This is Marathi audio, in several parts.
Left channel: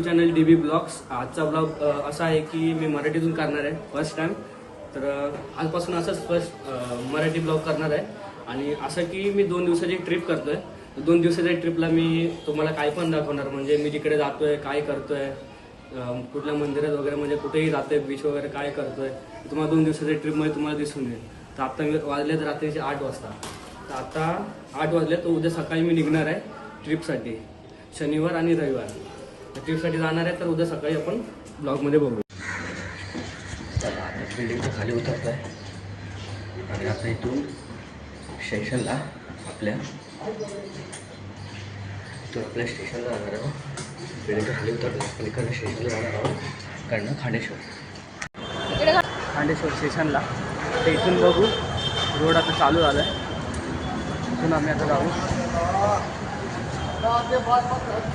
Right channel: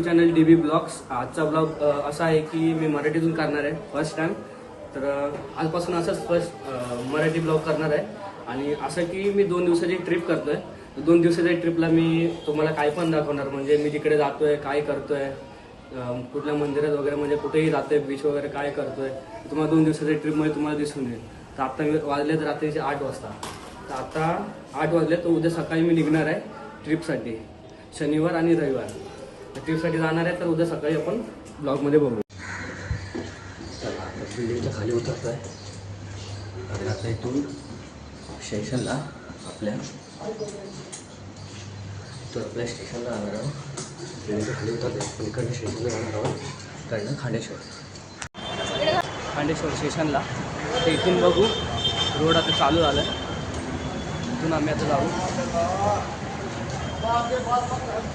To channel DB blogs. आजचा ब्लॉग असा आहे की मी मराठीतून करणार आहे फर्स्ट टाइम. तर आजपासून असंच फर्स्ट मराठी ब्लॉग करणार आहे. आणि असं की मी 2 दिवसाची ट्रिप करतोय. 2 दिवसाच्या ट्रिपला मी तुम्हाला काय पण दाखवणार, म्हणजे मी जिकडे जातोय काय करतोय, कुठल्या मंदिरात वगैरे, म्हणजे कुठेही जातोय, बीच वगैरे काय करतोय, तुम्हाला 2 दिवसाच्या ट्रिपमध्ये तुम्हाला दिसून येईल. तर आता वाजलेत रात्रीचे 8 वाजता. तर आता 8 वाजले, तर उद्या सकाळी मी निघणार आहे ट्रिपसाठी. शनिवार आणि रविवार ट्रिपसाठी जाणार आहे. तर उद्या सकाळी आपण ब्लॉगमध्ये बघू. चला, बिल्डिंगच्या खाली उतरतो आहे आणि आता इथून स्टेशनला आपल्या स्टेशनला जाणार आहोत. बिल्डिंगच्या खाली उतरतो पण इकडनं स्टेशनला जाणार आहोत. इकडनं खांडेश्वर स्टेशनला. तर इथून बघू, रोड आता चालू झाला आहे. इथून आम्ही आता जाऊ.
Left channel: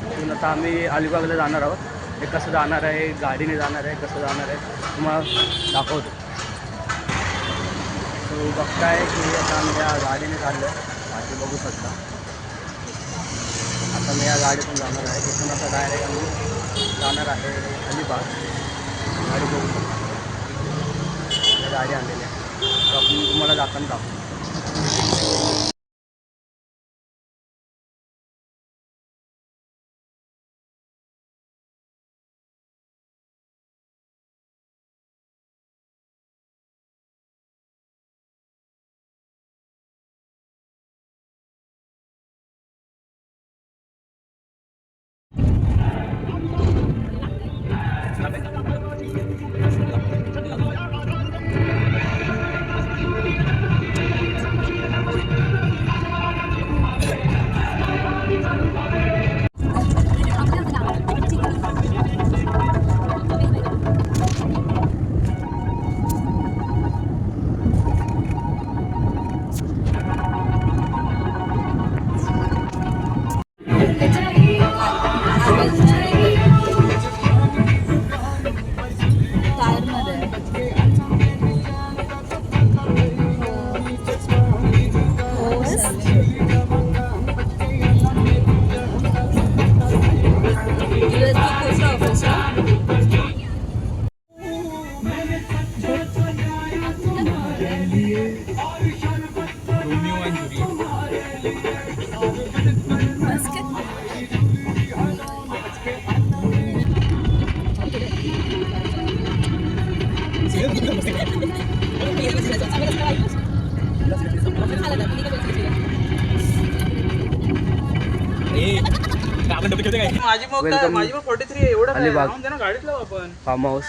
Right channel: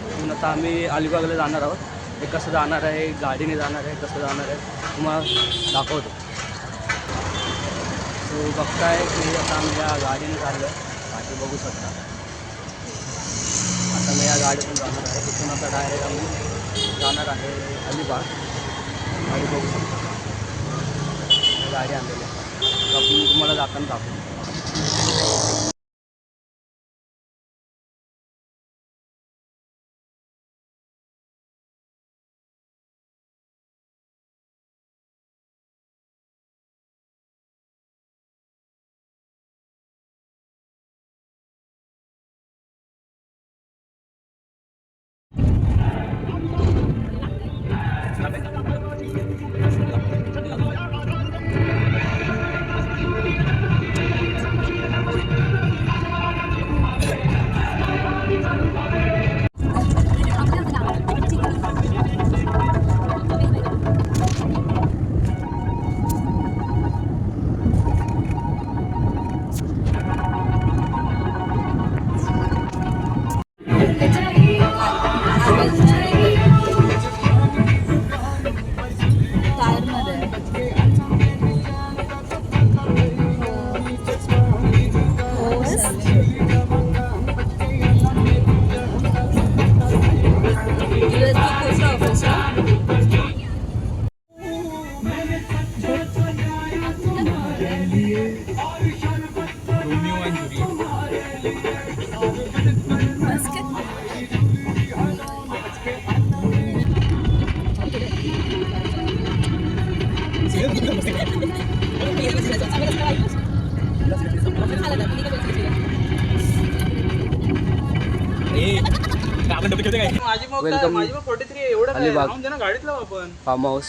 इथून आता आम्ही अलिबागला जाणार आहोत. हे कसं जाणार आहे, गाडीने जाणार आहे, कसं जाणार आहे तुम्हाला दाखवतो. तो बघताय की आता आम्ही या गाडीने चाललो आहे. बाकी बघू शकता. आता मी या गाडीतून जाणार आहे. इथून आता डायरेक्ट आम्ही जाणार आहे अलिबाग. गाडी बघू शकता, गाडी आणलेली आहे. तर आपण तुम्हाला जाताना दाखवू. Welcome Alibag farm house.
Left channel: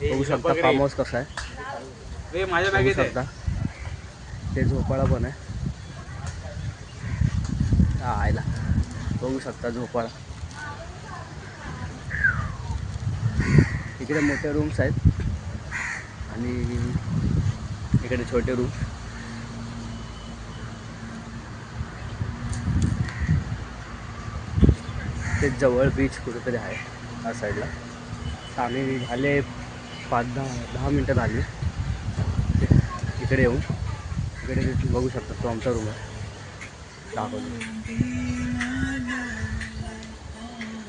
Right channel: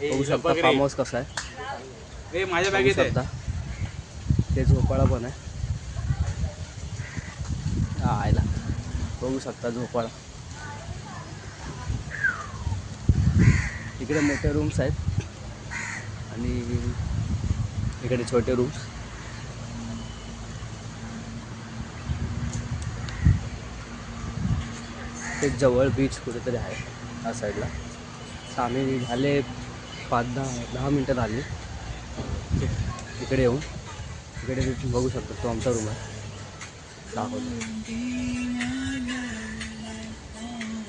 बघू शकता फार्म हाऊस कसा आहे. बघू शकता ते झोपाळा पण आहे. आयला बघू शकता झोपाळा. इकडे मोठे रूम्स आहेत आणि इकडे छोटे रूम्स. ते जवळ बीच कुठेतरी आहे या साईडला. तर आम्ही झाले 5-10 मिनटं झाली इकडे येऊन. इकडे बघू शकता तो आमचा रूम आहे. दाखवतो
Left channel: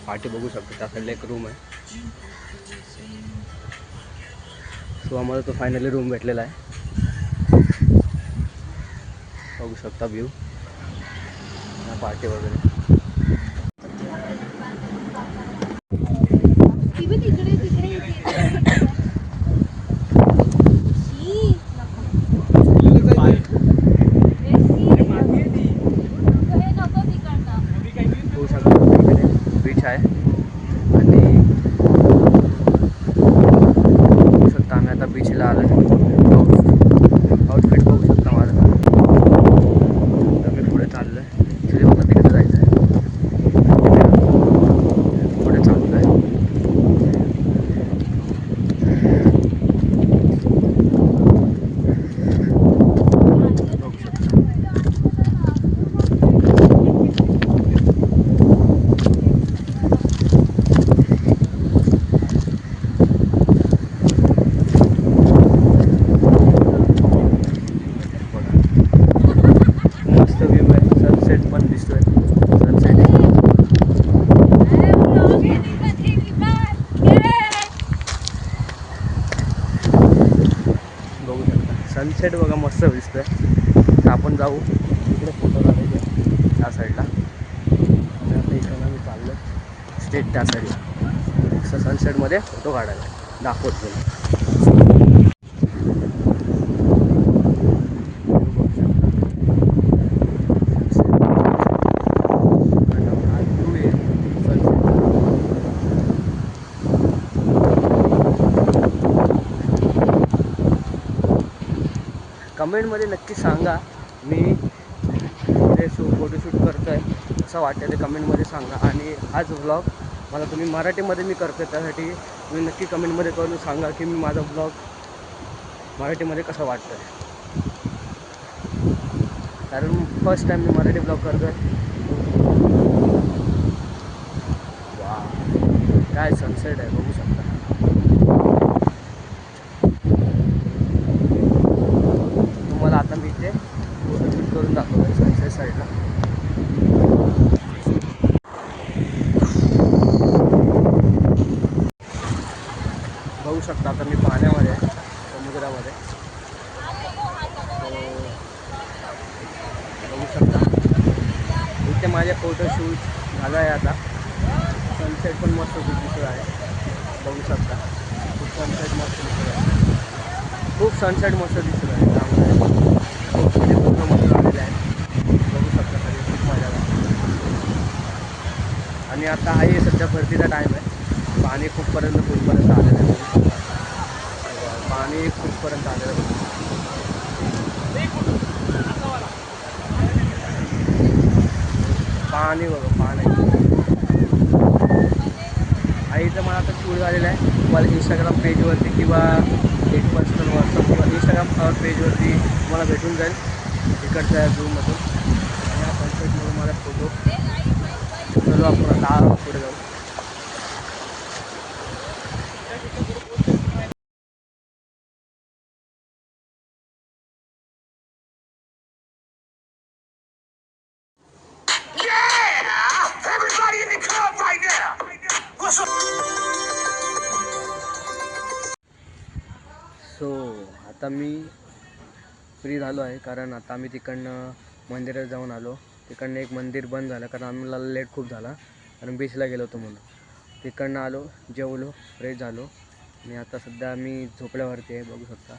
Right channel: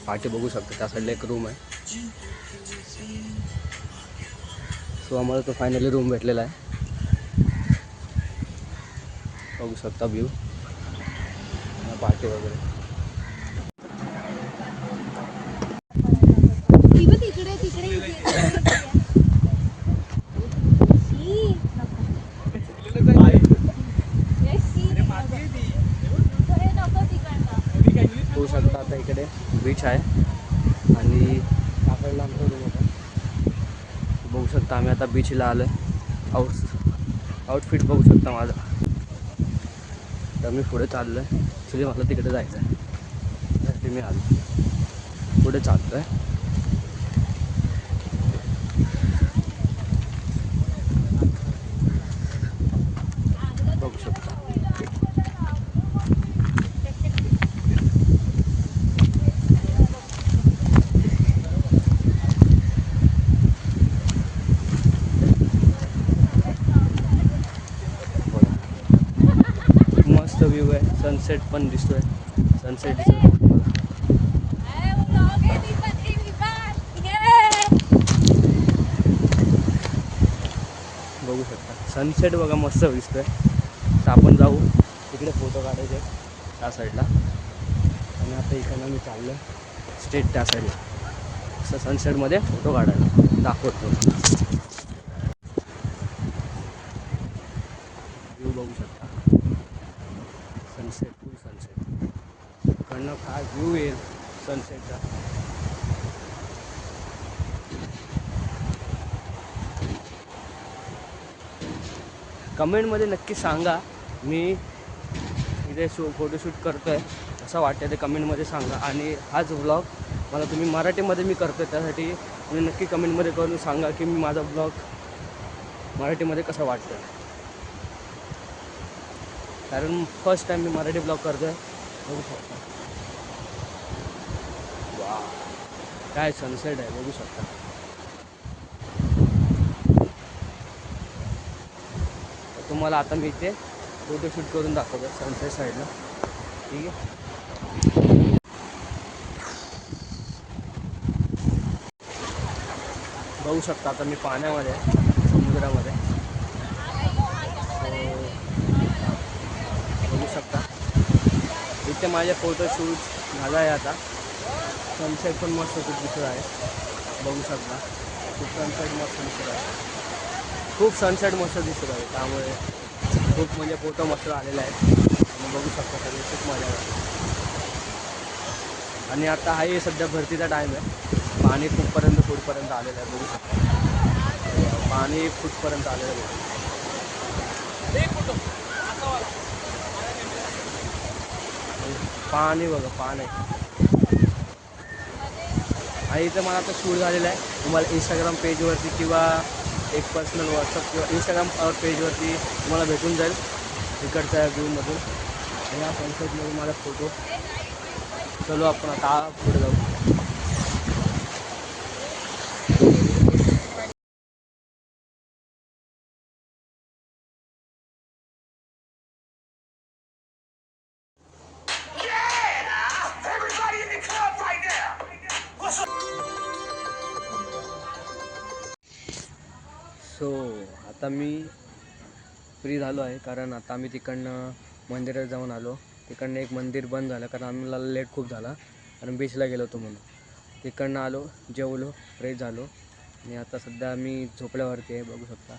पाठी बघू शकतो. त्या साईडला एक रूम आहे. सो आम्हाला तो फायनली रूम भेटलेला आहे. बघू शकता व्ह्यू, पार्टी वगैरे. होऊ शकतं इकडे बीच आहे आणि बघू शकता आम्ही आता बीचला आलो आहे. आउटफिट बघू शकता माझं. तर मी पुढे चाललो आहे. ॲक्च्युली मला तिकडे जायचं आहे. पुढे चाललो आहे. बघू शकता मस्त व्ह्यू आहे. सनसेट पण दिसतोय. सनसेट बघा मस्त दिसतोय. तर आपण जाऊ इकडे फोटो काढायचे त्या साईडला. आणि आता इकडनं मी चाललो स्ट्रेट त्या साईडला सनसेटमध्ये फोटो काढायला दाखवतो. कमेंटमध्ये नक्की सांगा मी ते फोटोशूट करतो आहे असं वाटतं ते कमेंटमध्ये सांगा. आणि हाच व्लॉग मला तुम्ही मराठीमध्ये मी करतो आहे त्यासाठी तुम्ही नक्की कमेंटमध्ये करून सांगा की मी माझा व्लॉग मराठीमध्ये कसं वाटतं आहे. कारण फर्स्ट टाईम मी मराठी व्लॉग करतो आहे. वा काय सनसेट आहे बघू शकता. तुम्हाला आता मी इथे फोटोशूट करून दाखवतो आहे सनसेट साईडला. बघू शकता आता मी पाण्यामध्ये समुद्रामध्ये. बघू शकता इथे माझे फोटोशूट झाला आहे. आता सनसेट पण मस्त खूप दिसत आहे. बघू शकता खूप सनसेट मस्त दिसत आहे. खूप सनसेट मस्त दिसत आहे. त्यामुळे खूप म्हणजे फोटो मस्त आलेले आहेत. बघू शकता सगळे खूप मजा करतात. आणि आता हाही सध्या भरतीचा टाईम आहे. पाणी खूपपर्यंत फुटपर्यंत आलेलं आहे. बघू शकता पाणी फुटपर्यंत आलेलं आहे. बघू पाणी बघा पाणी. आणि इथं मला आता शूट झालेलं आहे. तुम्हाला इंस्टाग्राम पेजवरती किंवा एक पर्सनल व्हॉट्सअप किंवा इंस्टाग्राम पेजवरती तुम्हाला भेटून जाईल इकडच्या झूममधून. आणि या सनसेटमधून माझा फोटो. चलो आपण आता पुढे जाऊ. सो आता मी फ्री झालो आहे कारण आता आम्ही तिकडनं मंदिरात जाऊन आलो. तिकडनं एक मंदिर बंद झालं कारण आम्हाला लेट खूप झाला कारण बीचला गेलो होतो म्हणून. तिकडनं आलो, जेवलो, फ्रेश झालो आणि आता सध्या आम्ही झोपड्यावरती आहे. बघू शकता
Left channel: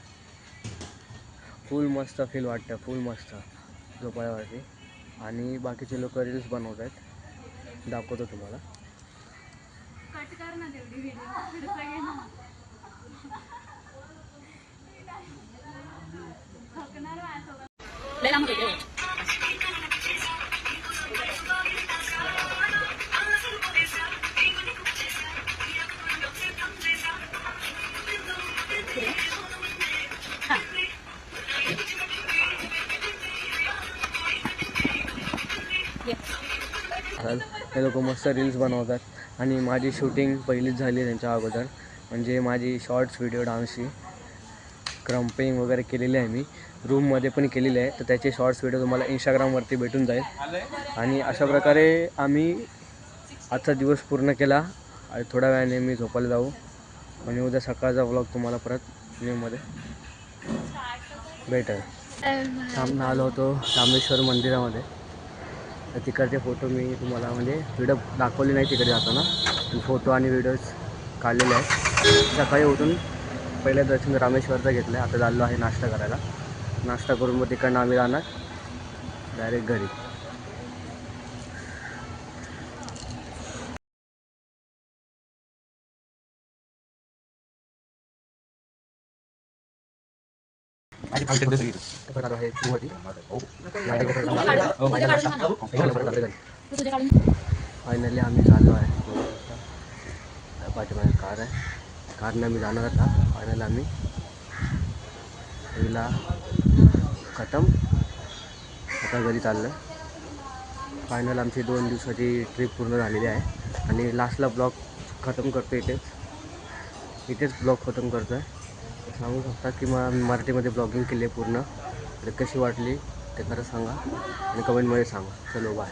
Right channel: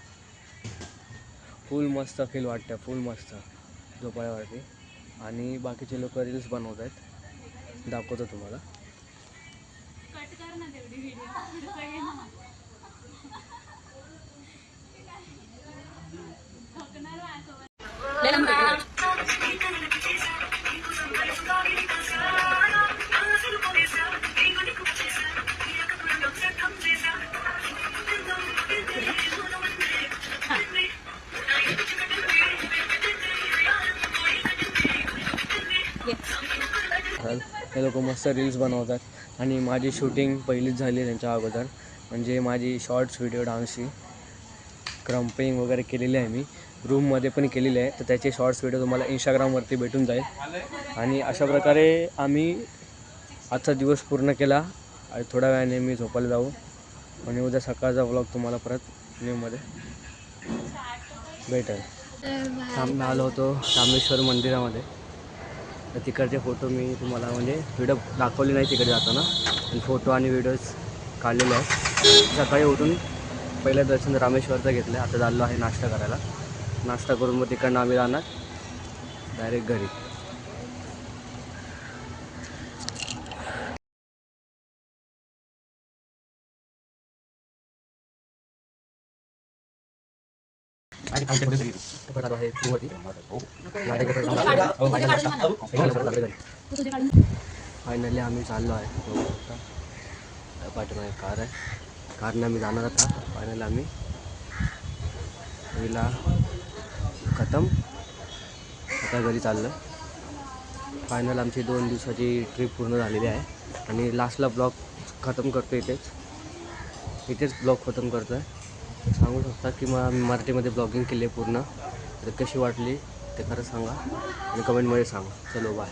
फुल मस्त फील वाटतं. फुल मस्त झोपड्यावरती. आणि बाकीचे लोक रील्स बनवत आहेत. दाखवतो तुम्हाला. हे लोक मस्त रील्स बनवतात आणि माझी शूटिंग पहिलीच झाली त्यांच्या अगोदर. म्हणजे माझी शॉर्ट्स व्हिडिओ डान्सची क्रम्पिंग वगैरे केलेली आहे मी रूममध्ये पण केलेली आहे. तर त्याचे शॉर्ट्स व्हिडिओ तुम्हाला इंस्टाग्रामवरती भेटून जाईल. आणि अशा प्रकारे आम्ही आजचा दिवस पूर्ण केला. आणि थोड्या वेळाने मी झोपायला जाऊ आणि उद्या सकाळचा व्लॉग तुम्हाला परत न्यूमध्ये भेटेल. सामने आलो होतो रामेश्वर मंदिरामध्ये. तर तिकडचे फोटो मी तुम्हाला म्हणजे व्हिडिओ दाखवले नाही तिकडे जाताना. पण फोटो आणि व्हिडिओज काढलेले आहेत. सकाळी उठून पहिलं दर्शन रामेश्वरचं घेतलं आहे. आता चाललो आहे नाश्ता करायला. नाश्ता करून मग तिकडनं आम्ही राहणार डायरेक्ट घरी. फायनली आम्ही चाललो आहे. बघू शकता पाठीमागे कार आहे. कारने आम्ही जाणार आता. फायनली आम्ही पहिला खतम आता घरी चाललो आहे. फायनल आमची 2 दिवसाची ट्रिप पूर्ण झालेली आहे. आणि लास्टला ब्लॉग खतम करतो इथेच ब्लॉग खतम करतो आहे. सांगू शकता की मग मी मराठीमध्ये ब्लॉगिंग केली आहे पूर्ण. तर कशी वाटली ते खरं सांगा आणि कमेंटमध्ये सांगा. चलो बाय.